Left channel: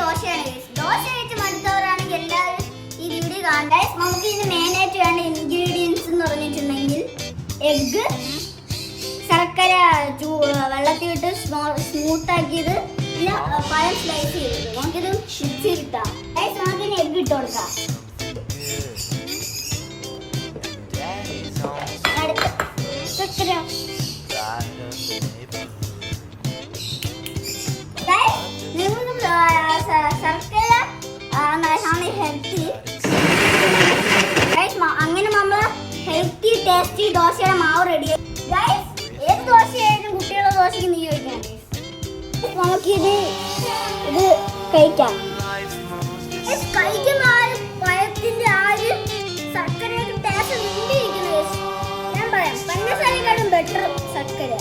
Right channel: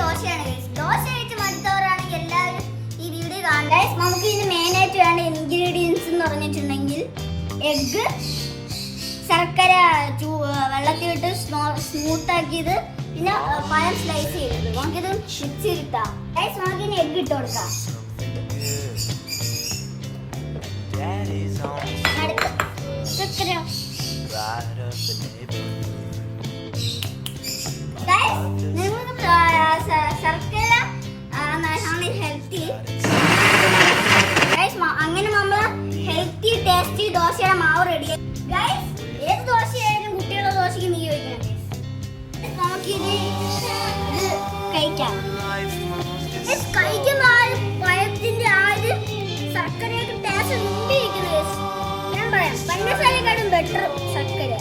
ദോശയാണ്. ദോശ കഴിച്ച് മടുത്തവരാണെങ്കിൽ എല്ലാവരും ഈ വീഡിയോ കാണാൻ. നമുക്ക് ഇതിന് മെയിനായിട്ട് വേണ്ട ഇൻഗ്രീഡിയൻസ് എന്ന് പറഞ്ഞിട്ടുണ്ടെങ്കിൽ എഗ്ഗ്, ശർക്കര വെള്ളത്തിലിട്ട് സ്മൂത്ത് ആക്കിയത്, പിന്നെ പഴം സ്ലൈസ് ചെയ്തത്. നമുക്കിത് മിക്സി ഇട്ടാം. നമുക്കിന് എഗ്ഗ് ഇട്ട് കൊടുക്കാം. ശർക്കര ഹെൽത്തി. അങ്ങനെ നമ്മൾ ഹെൽത്തി ടേസ്റ്റി ദോശയുടെ മാവ് റെഡി. ഏത് ദോശയായാലും കുട്ടികളുടെ ദോശയ്ക്ക് നീ കഴിക്കണം. നമുക്കിത് കഴിക്കാം. കഴിക്കുന്ന പഴത്തിന്റെ ശർക്കരയൊക്കെ ടേസ്റ്റ് നീണ്ടിരിക്കുന്നത്. ഞാൻ പറയാം, പഞ്ചസാരക്കാളും ബെറ്റർ ശർക്കര.